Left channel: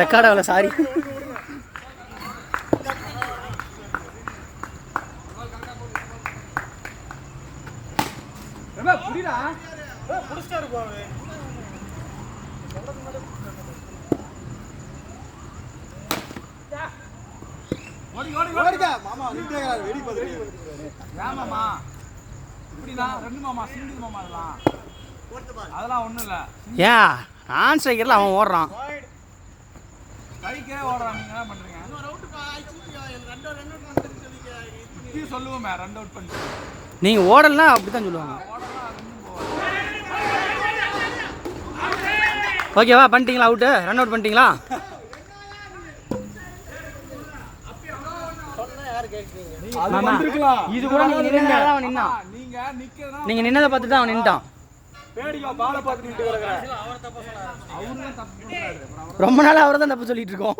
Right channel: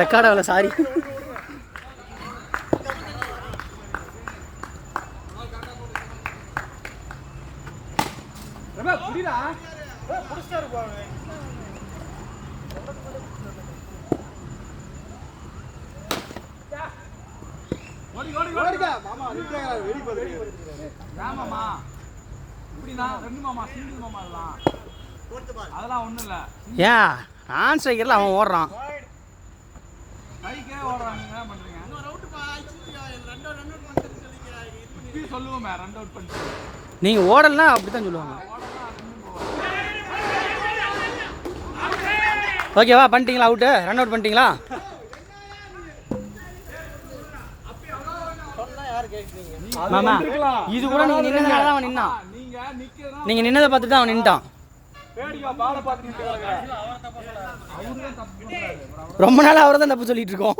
Record ஆகல, sorry. ஏன் நான் ஸ்ட்ரைக்கர்ல அவன் ஓடுறான். நீங்க ஓடலாம் அப்படித்தான் சொல்லுவாங்க. ஓகேவா, பண்ணிட்டீங்களா? அவுட்டு, ரன் அவுட் பண்ணிட்டீங்களா? இது கூட அவன் நின்னான். நீங்க நின்னதை பார்த்துட்டு அவன் நின்ட்டான். ரொம்ப நாள் அவரை தான் தப்பு சொல்லிட்டு இருக்கோம்.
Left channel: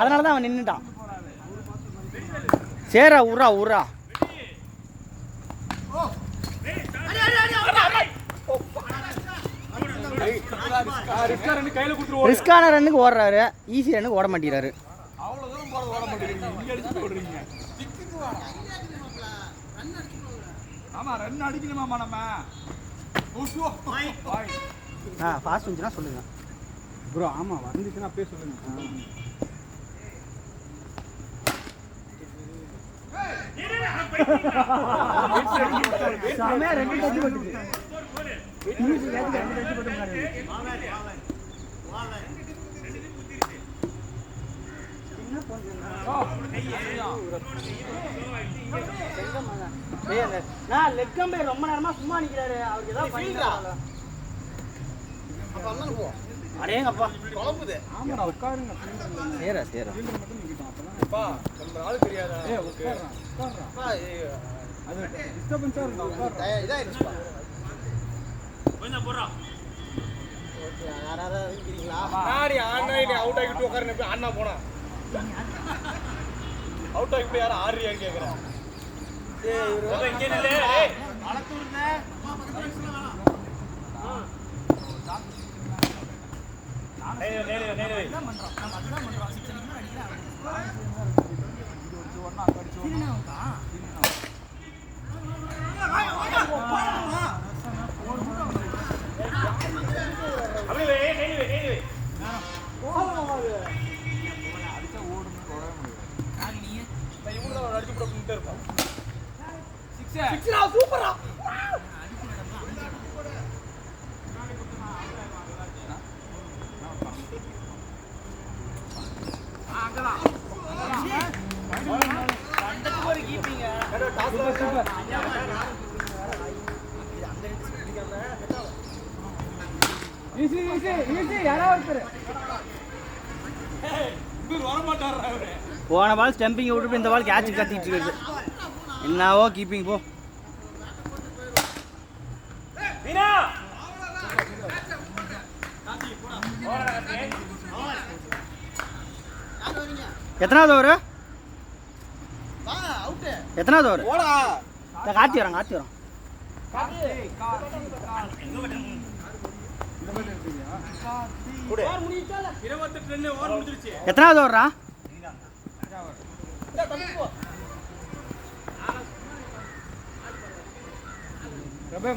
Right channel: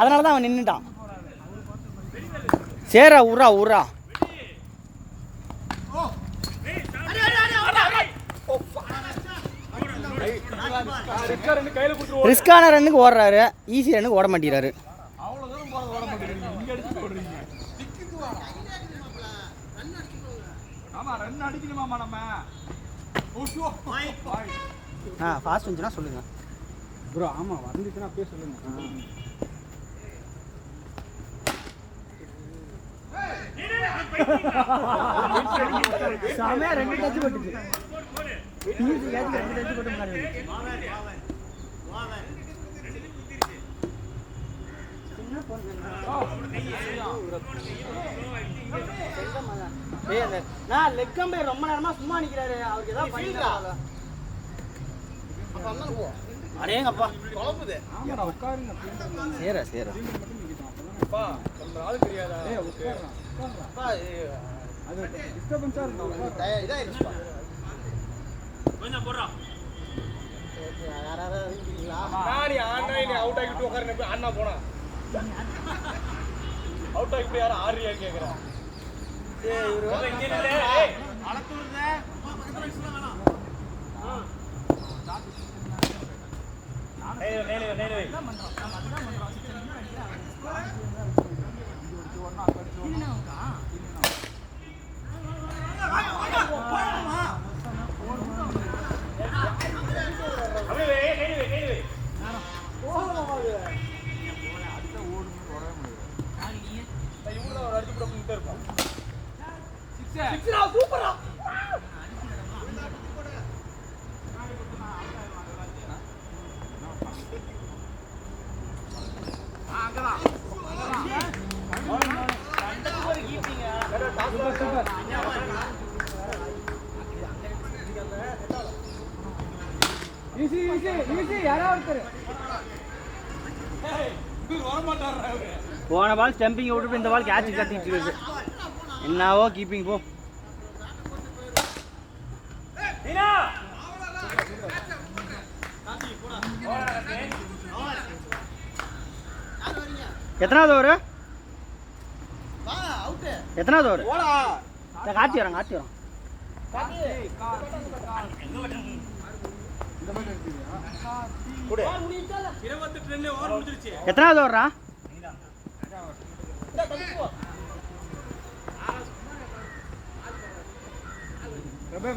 அதனாலதான் அவன் நின்னுட்டான். சேரா உர்ரா உர்ரா. ரிஸ்கான ரன்னுக்கு ஓடுறாரு, ஈஸி ரன்னுக்கு ஓட மாட்டேறாரு. ஃபாஸ்ட் வந்துச்சுன்னா சொல்லுங்க ப்ரோ. ஆமாம், வந்துச்சுன்னா அப்படியே சொல்லுங்க. ரொம்ப நேரமா சும்மா நிக்கிறாரு. அவருக்கு ஏதாவது அடேங்கப்பா குழம்புது. ஆமாடா, உட்காருங்க. சேரா சேரா அது டிஸ்டர்பன்ஸா இருக்கு. இதாயிருப்பா கொஞ்சம் போடுறோம். ஓகே, யாராவது இருக்கீங்களா? நாடி ஆன்லைன் அவுட் ஆகிட்டு உட்காருங்க. அண்ணா போனா அவுட் ஆகிட்டு யாரும் ஆறியா கேக்குறேன். ஏய் இவரு இங்க நில்லே. ஏய் அளத்துறதே பக்கத்துல வச்சுலாம் வேணாம். நேலே சூப்பரா போன பால் ஸ்டம்பிங் விட்டு இந்த பால் கேட்ச் கட்டிட்டு இருக்கு. என்னவோ கீப்பிங் போ. எத்தனாவது ஓவர்? எத்தனாவது ஓவர்? காத்தி வரோம் காத்தி வரோம். எத்தனாவது ஓவரா?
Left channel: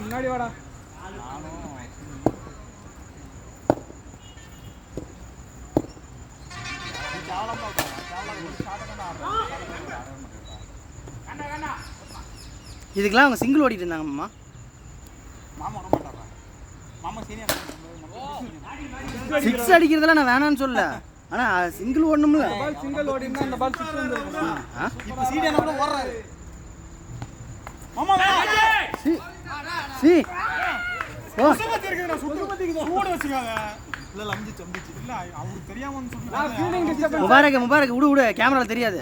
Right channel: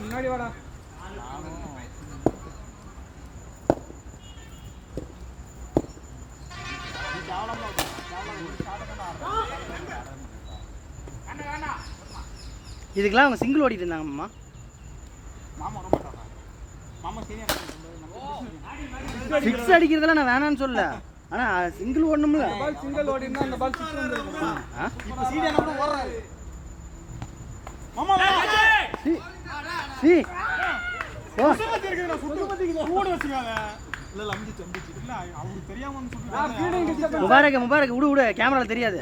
முன்னாடி வாடா. இதுக்கெல்லாம் அவங்க சிங்கிள் ஓடிட்டு இருந்தாங்க. அம்மா சிக்ஸ் அடிக்கிறதுல நான் வேணான்னு சொல்ல, ஆனா சிங்கிள் ஓடணும்ல. சிங்கிள் ஓடினா அந்த பால் சிக்ஸ் வந்துரும். இப்போ சீடியன கூட ஓடுறாரு. மாமா சி ஓ சுத்தமா இருக்குடா. சுத்தமா இருக்குது. ஓட வச்சுக்காங்க. இல்ல லம்ஜி தம்பிச்சு. இல்ல அவங்களுக்கு தெரியாம வந்து ஃபீல்டிங் டிஸ்டர்பன்ஸ். முபாரக் விடு விடு, கேமரால தெரியாது.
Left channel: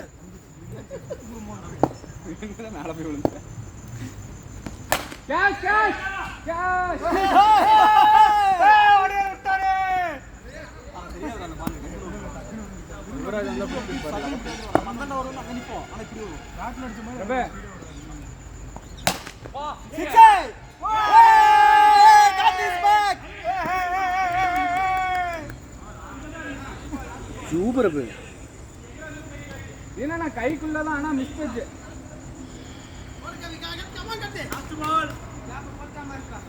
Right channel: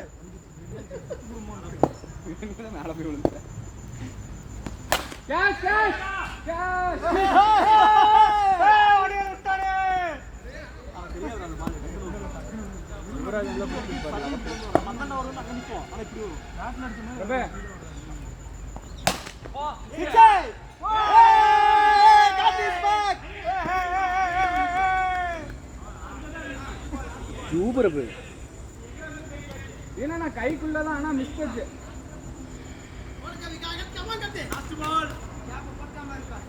மேல போய் விழுந்து. Cash cash cash. ஓடி விட்டாரே. இவரா நல்ல போட்டு பாரு. அவன் ஒரு நினைப்போம். எனக்கு நாட்ல அடிச்சு ரபே. Six. Got this back. Super bro. ஏன்னா நான் கைக்குள்ளதான் ஆனா மிஸ் போச்சு. லாஸ்ட் பால் பத்தாம இருக்கா.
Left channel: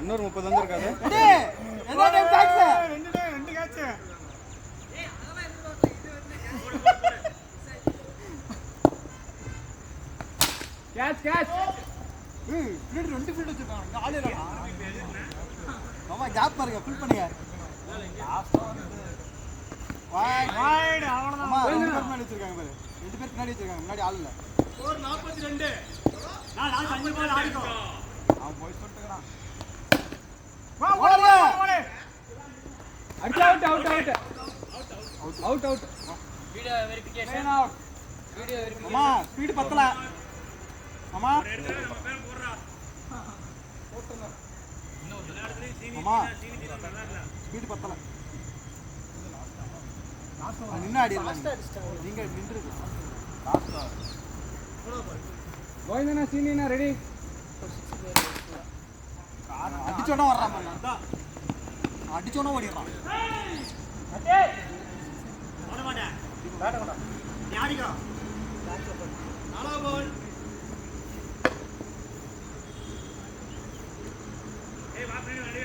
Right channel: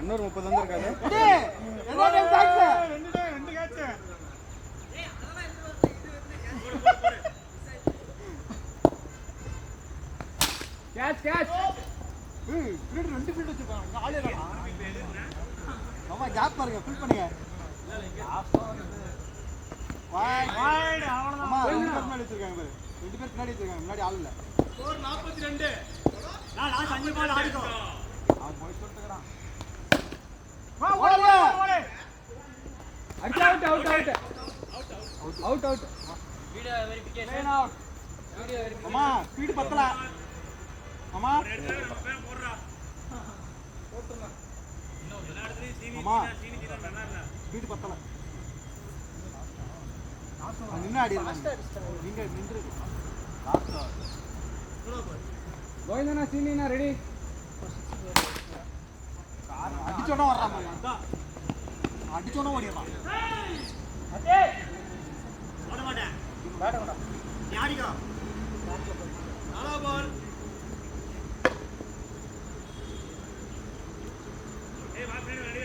இன்னொரு 30 வந்திருக்காது. Catch catch. ரெண்டு ஃபீல்ட் வச்சிருக்காங்க. மாமா கேப் பாருங்க, ஃபில் பண்ணுங்க. வைட் அவ்வளவுதான். பின்னாடி வச்சிருக்காங்க பாரு. ரெண்டு பேர் பின்னாடி வச்சிருக்காங்க. முன்னாடி ஆள் இல்ல. ஸ்கோர் 42. நான் லாஸ்ட் 5 பால் ஆடிட்டோம். Out video verification out. Video verification. அம்மா ஸ்பீட் பத்தல. அம்மா ஒரு இடத்துல நம்ம பேர் போடுறா. போட்டுறா. இன்னும் எல்லா இடத்துலயும் சீனி நல்லா இல்ல. ஸ்பீட் பத்தல. நின்னாடி நீங்க நின்று. கோவிந்தனா சீனினா ரெடி. அடிச்சோட வராங்க. அடிச்சோட ஓடிறான். அடே ஓட மாட்டேன். பேட் கொண்டா. நீ ஆடிக்கோ. நாலா பால். ஏய் வா ஃப்ரெண்ட் ரெடி.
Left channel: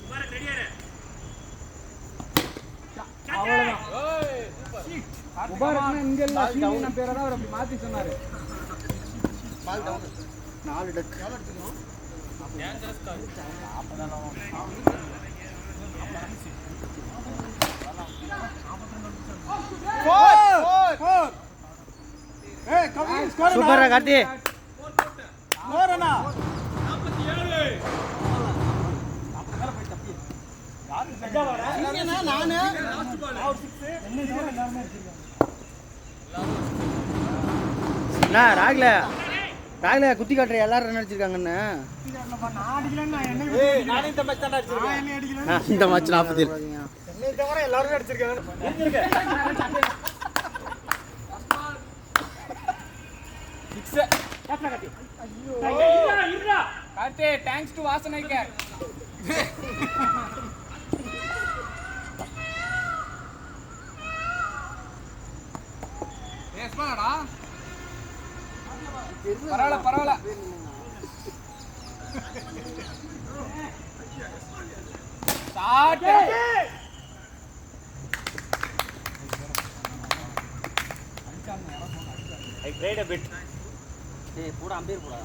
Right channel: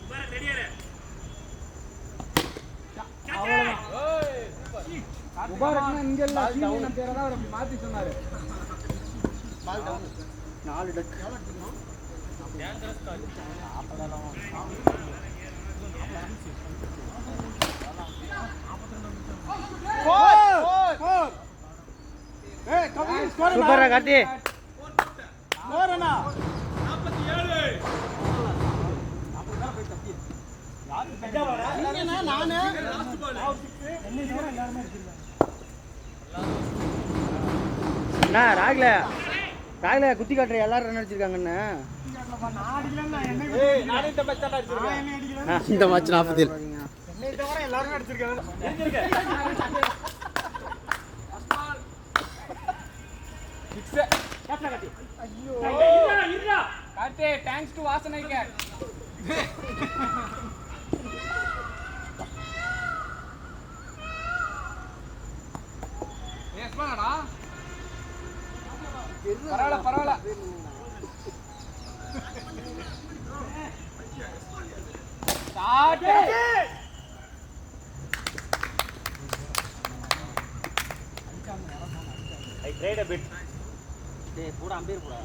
முபாரக் ரெடியா இரு. முபாரக்னா இங்க இல்ல, சீனினா பேரை தான் அவர் மாத்தி சொன்னாரு. 4 டக். டேஞ்சரஸ் கால். சூப்பரா கார்த்தி. ஸ்கோர் அண்ணா 47. அஜாவாடா நானே லாஸ்ட் பால். அண்ணா ராகல குத்தி காட்டுற எல்லாரும் என்ன அடிச்சிருக்காங்கன்னு. நானே இந்த மேட்ச் தான் அடிச்சிருக்கேன். இந்த மேட்ச் 40. என்னை தவிர எல்லாரும் அடிச்சிருக்காங்க. கார்த்தி தேங்க்ஸ் டு வாசனைக்கு. ஏஸ்மாடா பரவாயில்ல. I played a bit. Hey, போடா அம்பேர் போடா.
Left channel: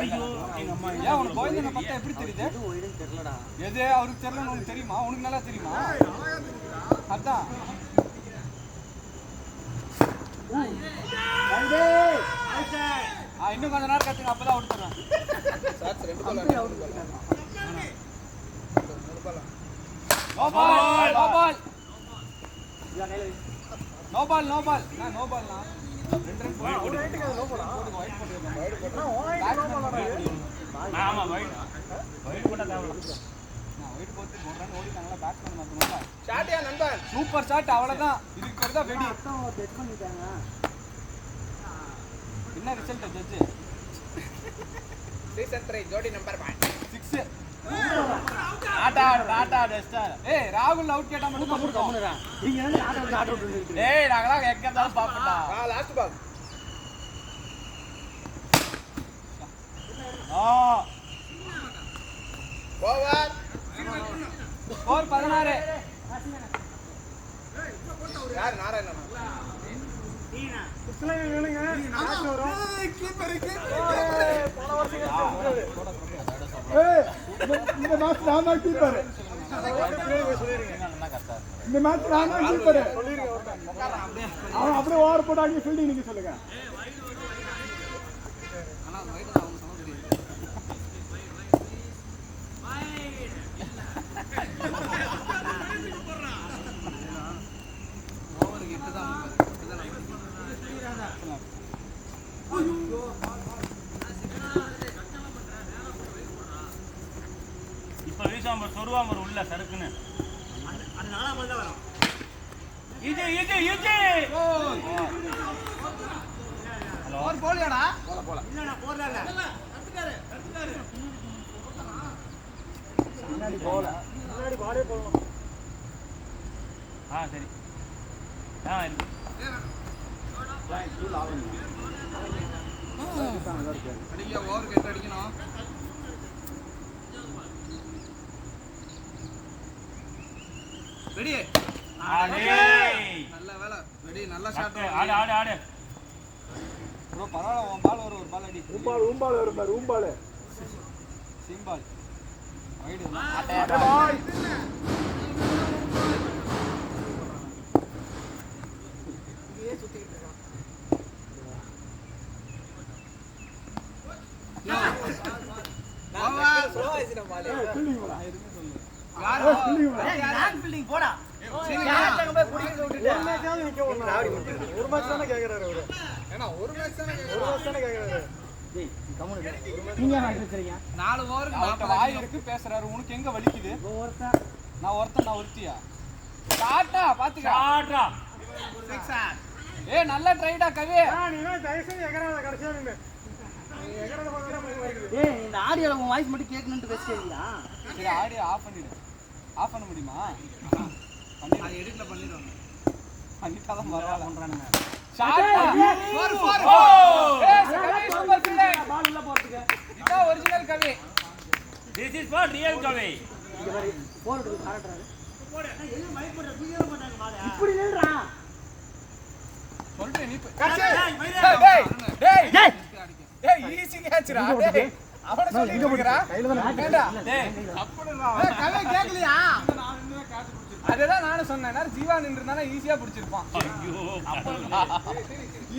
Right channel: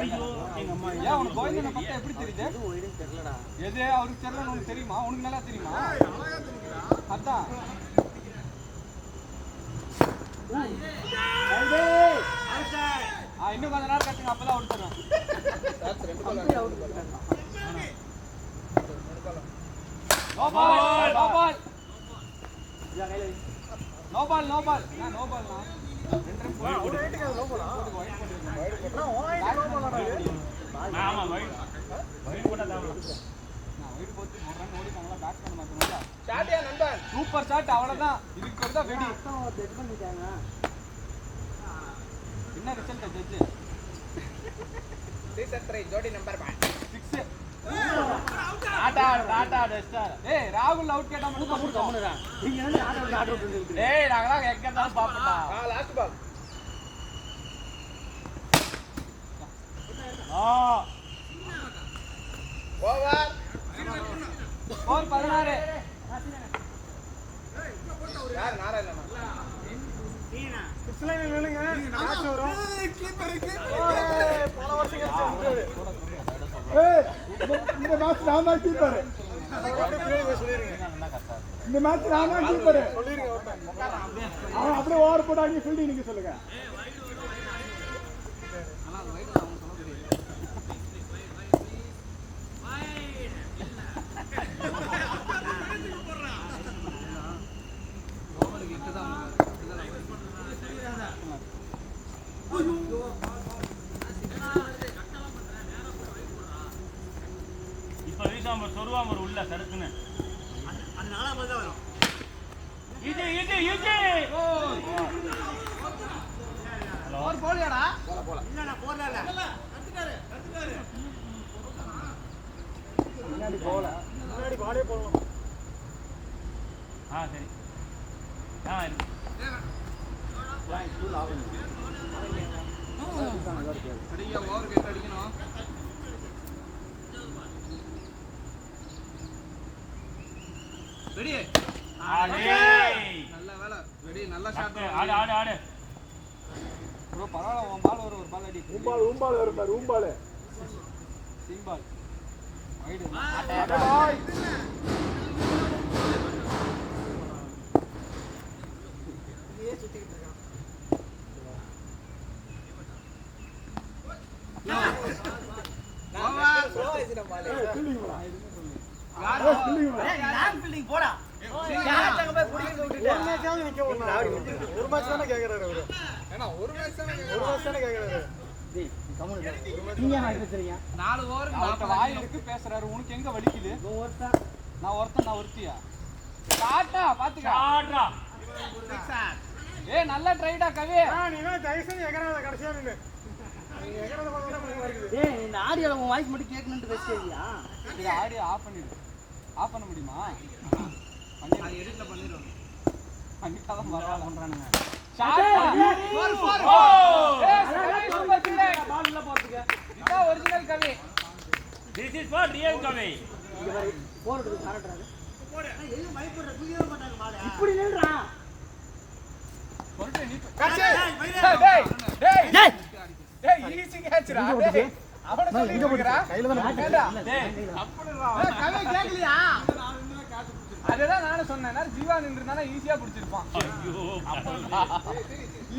ஐயோ ஏன் உனக்கு கோவிந்தனை பார்த்தா எப்படி தெரியுது? இது ஓய்டன் தெரியலடா. எது அவருக்கு தெரியல, உனக்கு தெரியுமா? உனக்கு நல்லா தெரியுமா? அழகா தெரியுடா. அதான் இன்னும் கொஞ்ச நேரம் கட்டுங்க, அப்பதான் அவுட் தருவேன். No ball. சூப்பர் ஷாட், அவ்வளவுதான். இதுக்கு தான் வெடி. ஜட்ஜ் பண்ணிட்டாங்க. என்ன ரிசல்ட் ஜட்ஜ்? ரீசென்ட் ட்ரை ஜோடி நம்பர் 6. ஆட்டா டஸ்டர். ஏய் ராகுல் அவுட் கேட்டா மூடு கம்முனடா. நீங்க என்ன ஆட் அவுட் பண்ணிட்டு. டேய் நாங்கலாம் எங்க தான் பாப்போம். Last ball. ஓவர். ஓவர் 16. ஏய் இங்க போட்டா ஒரு நாராயணன். நீனா கிளவி வேணுங்க. ஏய் கீப்பர். ஏய் இந்த மேட்ச் நாம கீப்பர். இந்த மேட்ச் நாம கீப்பர். அவன் அப்படியே ஓவர் போட்டாங்க. ஃபீல்டிங் நீங்க சொல்லுங்க. சொருவாம உள்ள சடுக்குன்னு அது நாலாம் தான் வரும். இது ஒரு போலியாடா இல்ல நான் போறல கட்டுக்காரு முன்னாடி போல முன்னாடி பாலே போறோம். சரி இருக்கு ஸ்கூல் ஆவணும் அடிங்க ஓவர் கேட் அடிக்கணும். ரெடி நல்ல வேலை ரெடி நல்ல ஷாட் ஆடு ப்ரோ பரவாயில்ல உன் பால் ஒரு பால் அடி ஊம்பால் வரும் பாரு ஊம்பால் சிம்பால் வைடு பாய் இங்கே சுத்திட்டு இருக்கான். லாங் ஃபீல்டிங் போடா. யார் தங்க போய் புடிச்சு விட்டுட்ட. ஒரு மேட்ச் தான கேக்குறாரு அவரு. ஏன்னா ஒரு மேட்ச் தான கேக்குறாரு. டேய் கம்முனு நீங்க என்ன ஆயிடுறீங்க 4 ஓவருக்கு 4 வாய் இருக்கு பேசுறாரு. உனக்கு எங்க வலிக்குது? ஒருத்தா நான் ஒருத்தியா. டாடா பாத்துக்க. டாடா ஏய் நல்ல ட்ரைடா கவி. நீங்க டைசன் எகறாத கடைசியா நீங்க எகறாத போற டேய் இந்த ஆடியோல உன் வாய்ஸ் மட்டும் கேட்கணும்னு வெச்சிட்டியா இது ஆடியோ ஆஃப் பண்ணிடு. ஆஃப் பண்ண முடியுமா? பண்ணி நான் எடிட்ல பண்ணிடுறேன். பண்ணிட்டாதான் பரவாயில்லன்றானுங்க. ஷாட் 4 அழகா சூப்பர் பால் உள்ள போறதுக்கு இதான் original Kavi. This is for real Kavi இங்க பாரு போறதுக்கு காரட்றாரு போடு எங்க மைக் போடுற புரியவே மாட்டாங்க பால. இப்படி நில்றா சொல்றேன் நீ டேய் ஈஸி கேட்ச்ரா டேய் அவன சொல்லிங்கறா கையில தான் அப்படி கவி கேக்கலையா? அதேதான் நானே சொன்னேன். நான் ஜீவா நின்றுனால ஈஸியா பிடிச்சிருப்பான்.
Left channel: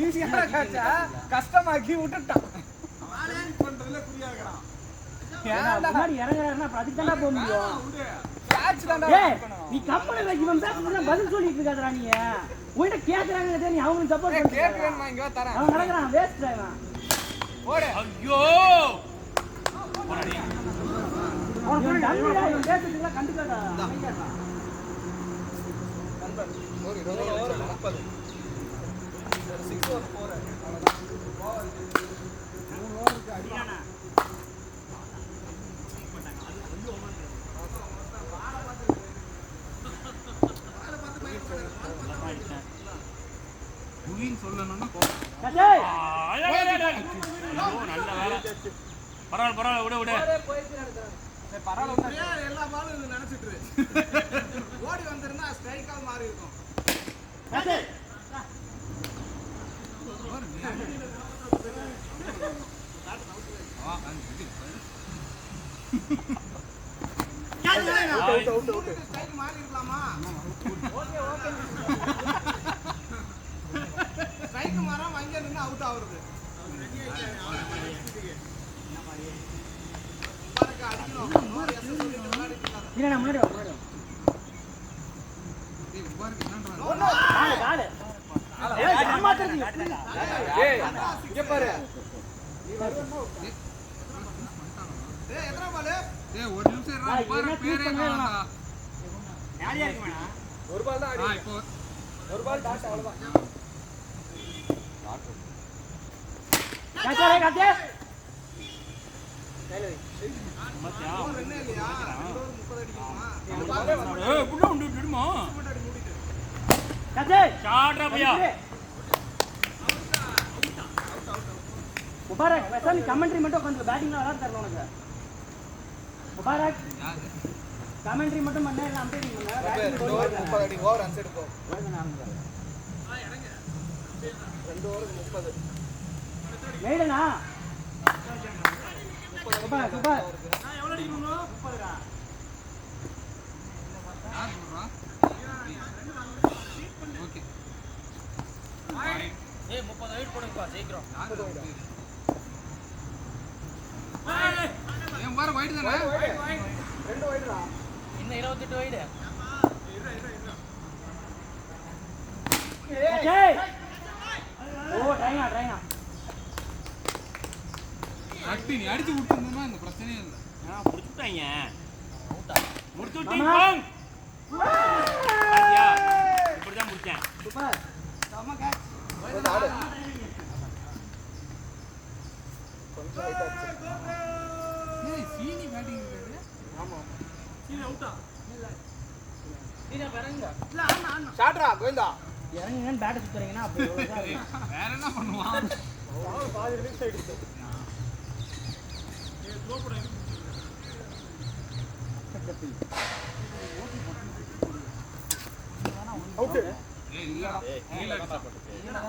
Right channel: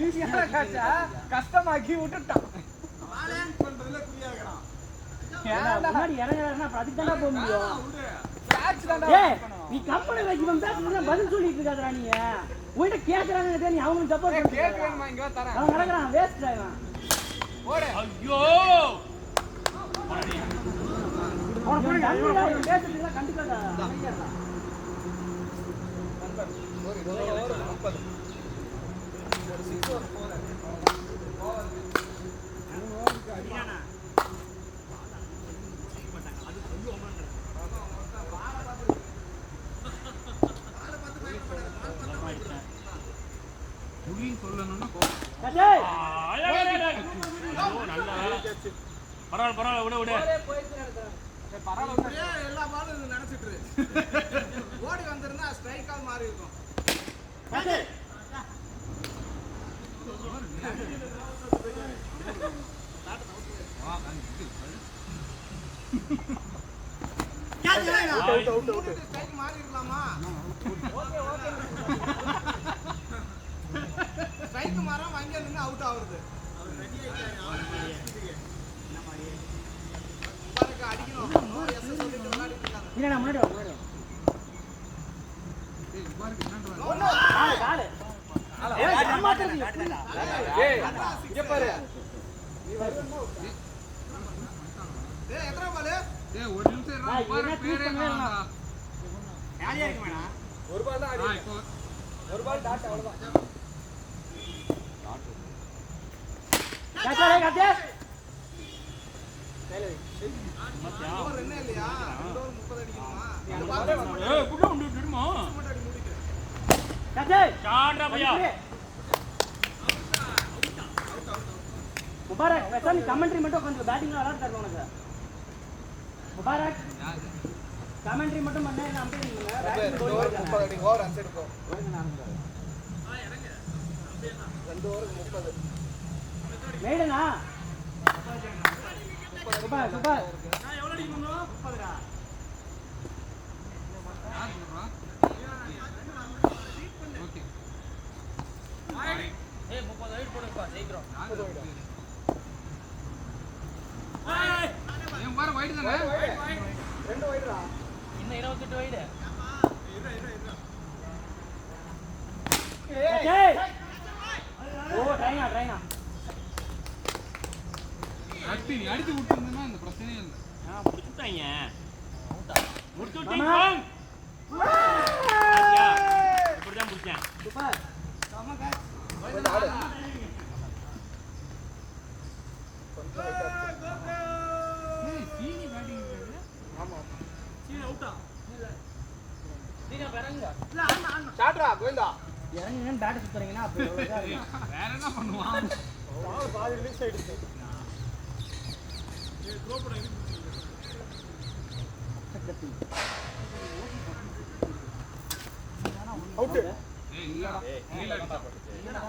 ஈஸியா கேட்சா கஷ்டமாக்கி விட்டுட்டான். வாளே பண்றதுல புரியாதடா. முன்னாடி இறங்கறனா அதுக்கு தான போக முடியும் கேட்ச் தான்டா. ஏய் நீ கம்பள வைக்க வந்தா பதில் சொல்லிட்டு இருக்காதடா நீ உன்கிட்ட கேக்குறாங்க நீ அவங்களுக்கு சப்போர்ட் பண்ணிட்டு கேக்குறேன் இங்க வா தரேன். அவன் நடக்கறான் வேஸ்ட் டிரைவன் ஓடு. ஐயோ அவன் டம்மிடா இவன் பேசிட்டு கண்டுக்காதடா அமைதியாடா புலின்னு சொல்லணும்னா கட்டேய் பரவாயில்ல விடு பரவாயில்ல எல்லா பாலும் நினைச்சிட்டு ஓடி வந்திருந்தா ஸ்ட்ரைக் ஆல் மாறி இருக்கும். கட்டேய் ஸ்ட்ரைக் மாறி இருக்கலாமா? ஸ்ட்ரைக் மாறாம அங்கே நின்று அவுட் ஆகுறது. அவர் ரெடி ஆயிட்டாரு. முபாரக் அடிக்கணும். நோ எஸ் சொல்லிட்டு விளையாடிட்டு இருக்காங்க. இல்லடா முன்னாடி வா முன்னாடி வா பால் ஏய் அம்மாத்துக்கு ஏய் இங்க பாரு. நீ வருவா. ஏய் எத்தனை பால்? ஏய் ஒரு நிமிஷம் இருடா. நான் என்ன ட்வீட் பண்ணவேனா யாரியா இருக்குமா? ஒரு பால் தான் ஆடி. ஒரு பால் டாட் அவ்வளவுதான். கட்டேய் கட்டேய் ஓவர் என்ன இல்லையா? 2 ஓவர் 30 அடிக்கணுமா? இந்த பாலே வந்து ஏய் புள்ள உண்டு விடுமா மட்டும் அடி மூடிட்டு. கட்டேய் ஷாட்ரா பையா முபாரக் பேச நீ கமெண்ட்ரி மட்டும் கொஞ்சம் பேட்டிங்ல விளையாட தரணும் உனக்கு முபாரக் கமெண்ட்ரி மட்டும் பண்ண இல்ல அம்பேரிங் பண்ண பேட்டிங் கோல் 30 அடி ஓவர் அன்சைடு போ. இறங்க 2 ஓவர் 30. மேடனா சூப்பர் சூப்பர் நான் எவ்வளவு அடிக்கணும் 30 டா. ஏய் 30 வெயிட் பண்ணிப்பா சீக்கிரம் ஏன் பாரு வைட் தானே? 2 வைட் டா. இன்னும் 28 வைட் ஏய் ஓ ட்ரைனா அடி நீ அடிச்சு விட்டுருந்தா இந்த பிரச்சனையே இல்ல. புடிச்சிட்டாங்க ஆமா. இப்படிதான் பிடிச்சேன். சூப்பர். ஏய் சீனி பேட்டிங் இருக்குது சீனி அவுட்டா? ஷாட்ரா கோவிந்தா இறங்குங்கன்னு பேட்டை சுத்துறீங்கன்னா அப்போ எவ்வளோ இதா இருக்கும். வேற என்ன பண்ணுவான் அவுட்டு. ஏய் இல்லடா இல்லடா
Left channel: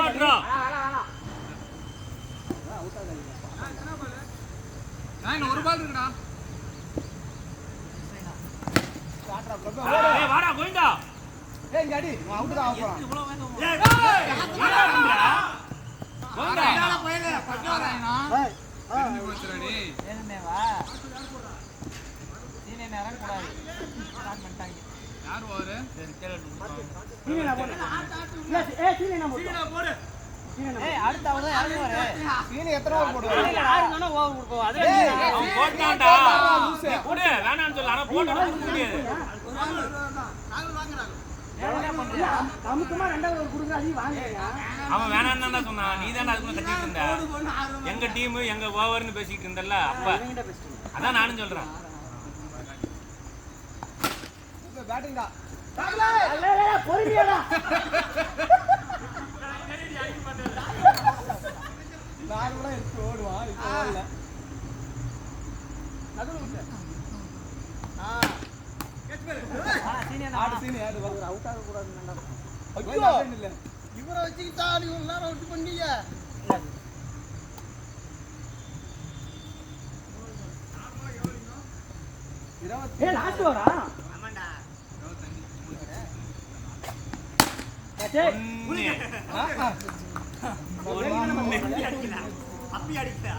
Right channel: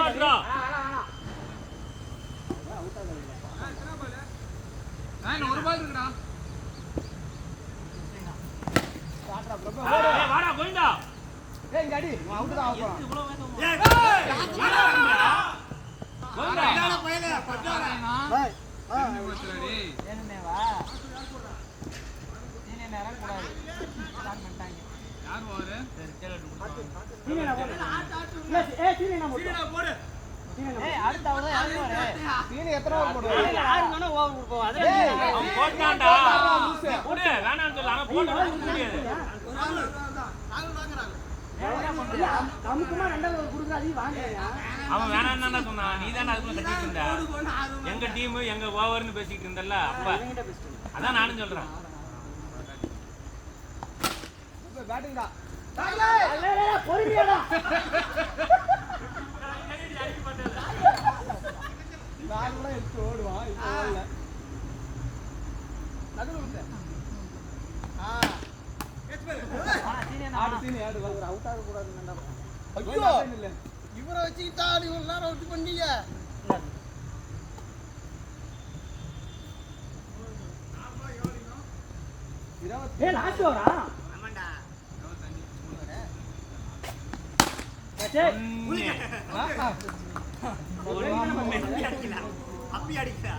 ஆடுறா. நான் ஒரு பால் இருக்குடா ஏய், வாடா கோவிந்தா. ஏய் இங்க அடி அவுட் தான் ஆகுறோம் கோவிந்தா. பாய். டேய் என்னமேவா? யார் வாரு சீனி நான் போடுறேன். இல்ல, சீனி நான் போடுறேன். சீனி போடு. சீனி நான் போடுறேன். சீனி எத்தனை பால் போடுவா யாரு வேணா ஓவர் கொடுப்போம். அதுல அவன் போட்டான்டா. போடு, வேணாம்னு சொல்ல. ஆனா போட்டு முடியாது. இல்ல, அமுக்கமா ரெண்டாவது ஒரு கொடுக்குற அதையும் வாங்குறீங்க. அவன் வேணாம்னு தான்டா சொன்னான். நீ தான்டா அதுக்குள்ள கத்திட்டு இருந்த. எங்க டீம் எங்க ஓவர்னு பேசிட்டு இருந்தல்ல அப்ப. இவங்கிட்ட பேசிட்டு அதான் நானும் சொல்றேன். பேட்டிங்டா பொறுமையாடா. நான் கூட எடுத்து ஓடுவான் இப்போ இல்ல நடுவுல விட்டு. ஆடு சீனி ஆடு இவர் அவுட் ஆக கூடாதுன்னு ஐயோ இல்ல இவரை வச்சுக்கிட்டா நீங்க எல்லாரும் அவுட் பண்ணீங்க. ஏய் லாஸ்ட் வரா. ஆமாடா. அப்பி அடிக்கல.